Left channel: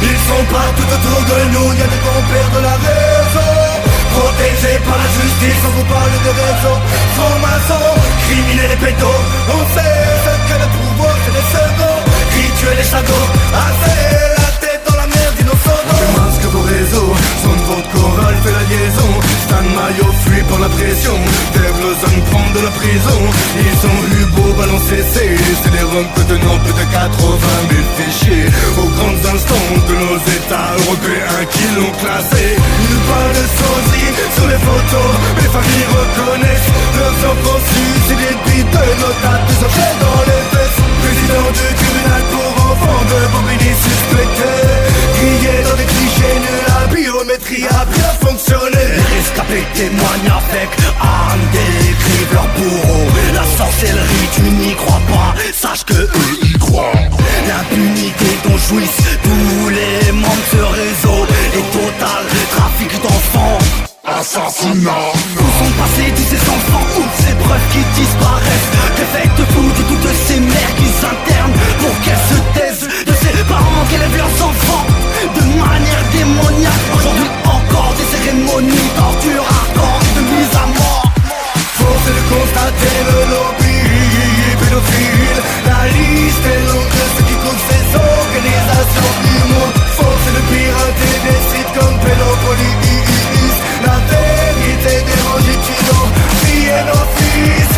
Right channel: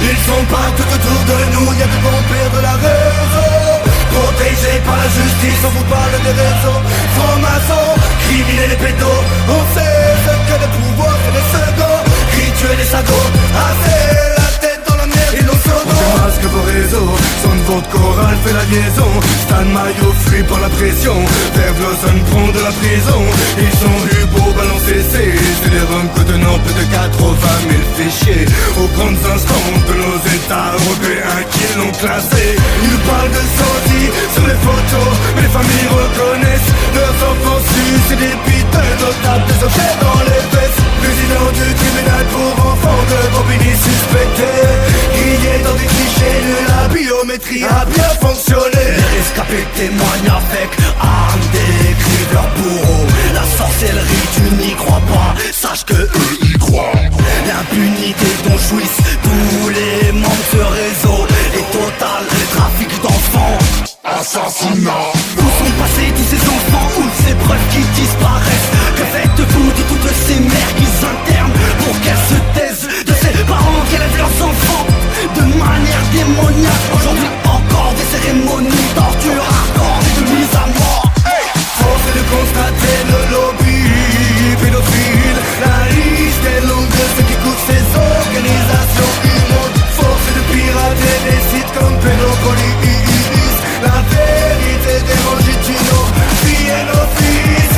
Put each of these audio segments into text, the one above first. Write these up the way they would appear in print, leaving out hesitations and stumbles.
Ils sont partout autour de nous, y'a des bons pères de la raison. Protégés par la justice, on vous parle des réseaux. Francs-maçons, criminels et pédos. On sait ce que le pouvoir fait des seconds. Rituels et sadots, assez la tête dans la merde innocente. On démasque vos réseaux, son de votre chorale fait la liaison. Stan Mayo fuit par la pression, Dave Lawson prend de la prison. Ils ont eu beau balancer, c'est les roms que de nos plus de 80 000 fichiers aux grandes instances de nos états européens qui l'ont classé. Ils nous parlent de sosie sur les photos, mais les familles reconnaissent leurs enfants sus et des piteux notables, des objets dans les fesses. Président du tribunal pour enfants de Bambini suspectés, grillés dans des clichés nuls, la biométrie a bien fonctionné. Les rescapés témoignent avec armes, décrivent leur bourreau. La sorcellerie, tu n'y crois pas, sache que eux y croient. L'impunité dont jouissent tous les membres de ce réseau est total, trafic d'enfants, assassinat. Où sont passés tous ces enfants, où ces preuves qui disparaissent? Que faites-vous de toutes ces mères qu'ils internent pour qu'elles se taisent, de ces parents qui élèvent leurs enfants de manière démoniaque? Aujourd'hui encore des cérémonies, torture, hardcore et de mise à mort. Force est de constater le lobby pédophile. La liste est longue de ceux qui couvrent ces organisations immondes. Force est de pirater des sites comme Pédopolis. La vérité dérange tu nos filles et nos fils.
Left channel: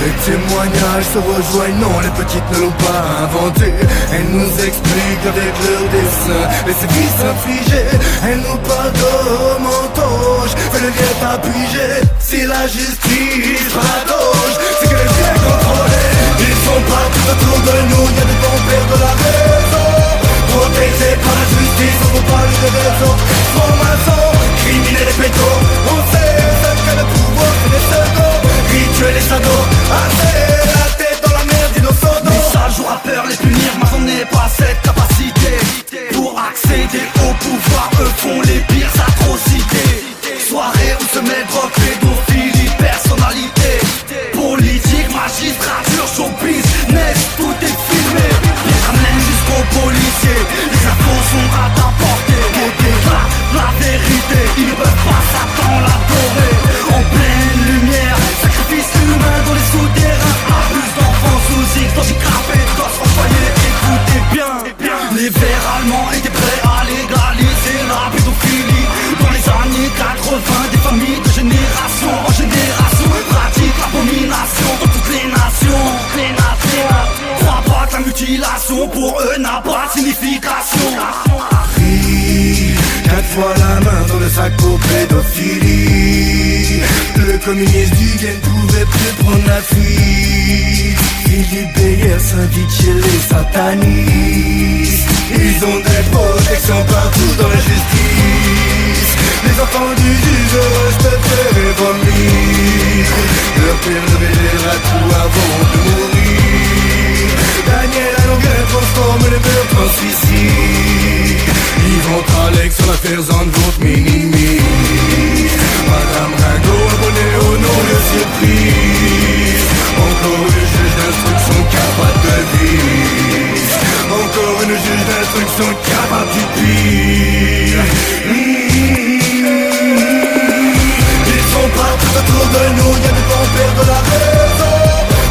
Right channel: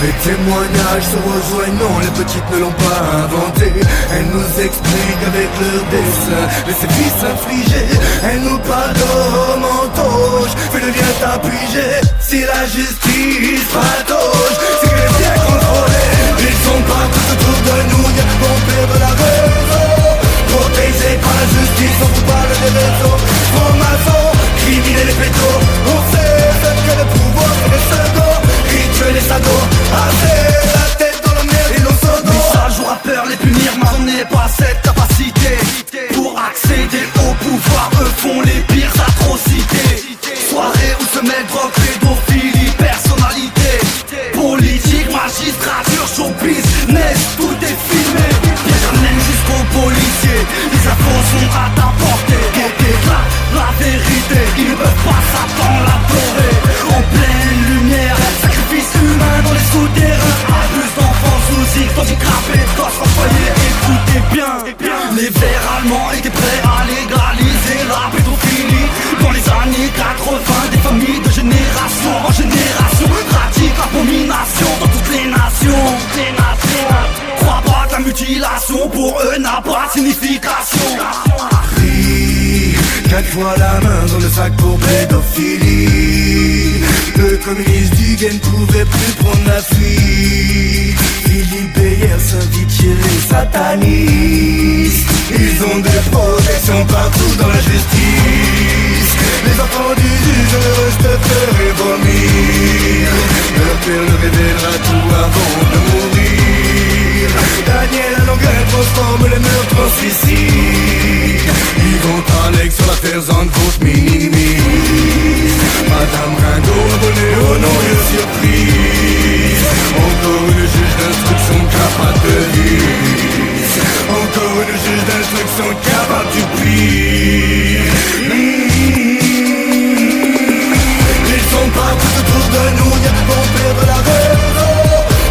Les témoignages se rejoignent, non, les petites ne l'ont pas inventé. Elles nous expliquent avec leurs dessins les sévices infligés. Elles nous parlent de mentoche, fais le lien t'appuyer. Si la justice patauge, c'est qu'elle est bien contrôlée. Ils sont partout autour de nous, y'a de bons pères de la raison. Protégés par la justice, on vous parle des réseaux. Francs-maçons, criminels et pédos. On sait ce que le pouvoir fait des seconds. Rituels et sadots, assez la tête dans la merde innocente. Message aux rappeurs, les punir, mais on n'est pas cette capacité. Pour accéder au pouvoir, eux font les pires atrocités. Soirée où se met drogue, pédophilie, personnalité. Politique, magistrature, show business, tout est filmé. Bien ramène jusqu'aux policiers, les infos sont à ta portée. La vérité, ils ne peuvent pas s'attendre l'adorer. En pleine lumière, sacrifice humain dans les souterrains. Abus d'enfants sous X, handicapés, gosses en foyer, écoutez bien. Les verts allemands étaient prêts à légaliser la pédophilie. Dans les années 80, des familles de génération en génération pratiquent l'abomination dans toutes les nations. Crois pas que la mutilation pour eux n'a pas de signification. 4 fois la main dans le sac pour pédophilie. Le communiste du gain ne pouvait plus prendre la fuite. Philippe Beyer s'invite chez les satanistes. Ils ont des protections partout dans la justice. Les enfants du juge restent peur et vomir. Leur père ne révélera tout avant de mourir. Daniel à Longueuil transforme les meurtres en suicide. Yvon Alex sur l'affaire Zandvoort minimise. Madame Ringo abonnée au nom de surprise. Encore une juge d'instruction capable de vise. Encore une juge d'instruction capable du pire. Ils sont partout autour de nous, y'a de bons pères de la raison.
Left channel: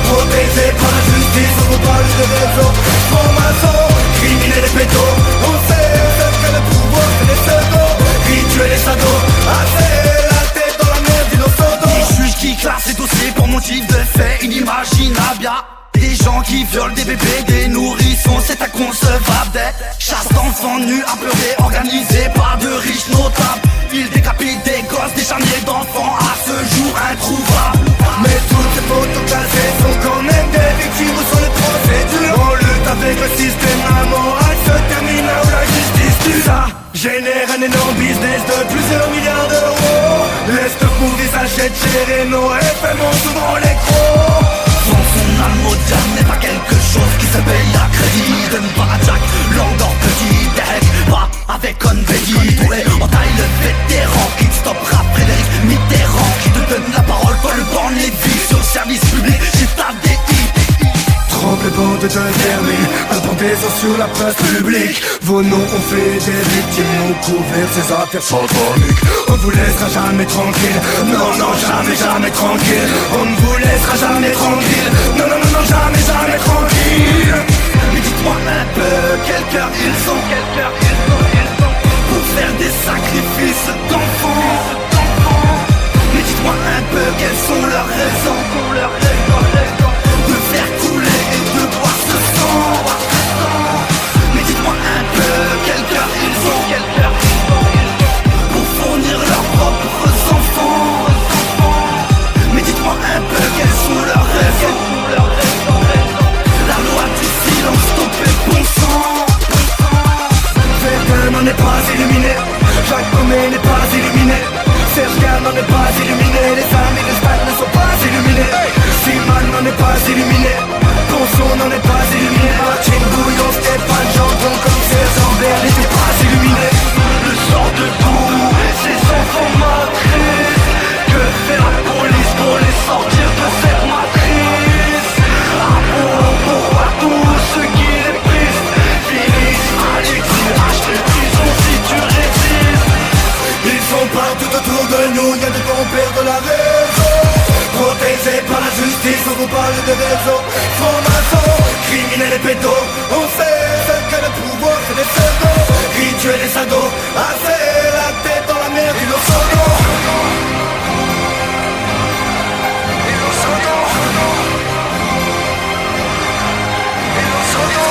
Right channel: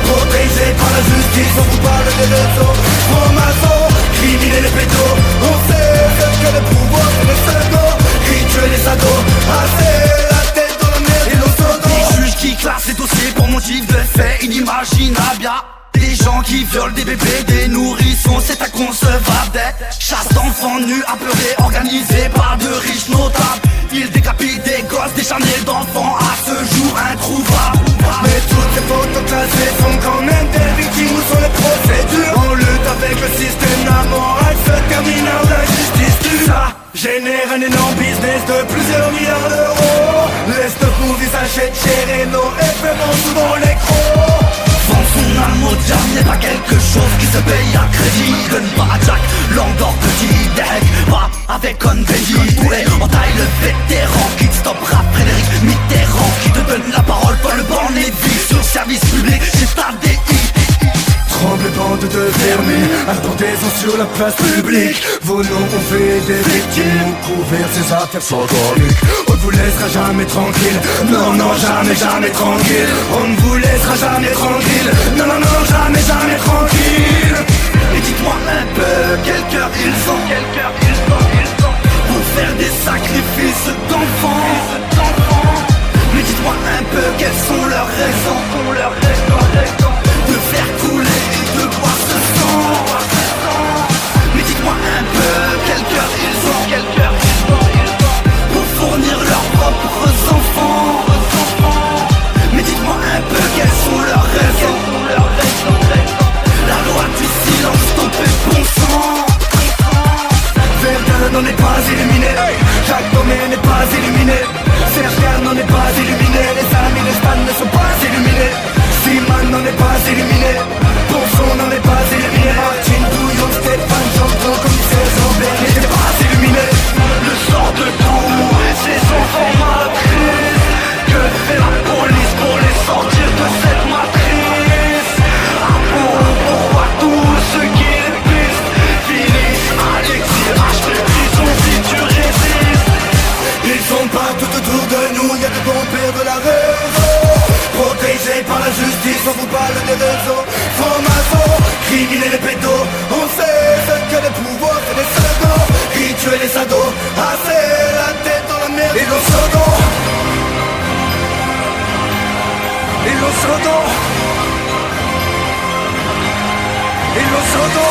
Protégés par la justice, on vous parle des réseaux. Francs-maçons, criminels et pédos. On sait ce que le pouvoir fait des seconds. Rituels et sadots, assez la tête dans la merde innocente. Des juges qui classent les dossiers pour motif de faits inimaginables. Y'a des gens qui violent des bébés, des nourrissons, c'est inconcevable. Des chasses d'enfants nus, apeurés, organisées par de riches notables. Ils décapitent des gosses, des charniers d'enfants à ce jour introuvables. Mais toutes ces photos classées sont quand même des victimes ou sur les procédures. On lutte avec le système, la morale se termine là où la justice tue. Ça génère un énorme business de plusieurs milliards d'euros. Les movies s'achètent cher et nos effets vont souvent les crocs. Vendre son âme au diable n'est pas quelque chose qui se paye à crédit. Donne pas à Jack, Langdor petit deck, pas avec Conbedi. Doué, en taille le vétéran qui te stoppera Frédéric Mitterrand. Qui te donne la parole quand le banc les vies sur service public, c'est ta DI. Tremble les bancs de te fermer, à la bande des présents sur la place publique. Vos noms ont fait des victimes, ont couvert ces affaires sataniques. On ne vous laissera jamais tranquille. Non, non, jamais, jamais tranquille. On ne vous laissera jamais tranquille. Non, non, non, non, jamais, jamais tranquille. Mais dites-moi un peu, quel cœur ils ont, quel cœur ils ont, pour faire des sacrifices d'enfants. Mais dites-moi un peu, quelles sont leurs raisons, de faire couler et de boire ce sang. Mais dites-moi un peu, quel cœur ils ont, pour fournir leurs propres enfants. Mais dites-moi un peu, quelles sont leurs raisons, la loi du silence, stopper bon sang. Verdun n'en est pas illuminé, Jacques Tomé n'est pas illuminé, Serge Gard n'en est pas illuminé, les amis de Stan ne sont pas illuminés, Seaman n'en est pas illuminé, Ponson n'en est pas illuminé, Martine Bouillon, Stéphane Gendron, commissaire Jean-Bert n'était pas illuminé. Le sort de tous ces enfants m'attriste. Que fait la police pour les sortir de cette matrice? Ah bon, pourquoi tous ceux qui les pistent finissent à l'exil, acheter prison si tu résistes? Ils sont partout autour de nous, y'a de bons pères de la raison, protégés par la justice, on vous parle des réseaux francs-maçons, criminels et pédos. On sait ce que le pouvoir fait des seconds, rituels et sados, assez la tête dans la merde. Ils l'ont sodo, ils l'ont sodo, ils l'ont sodo.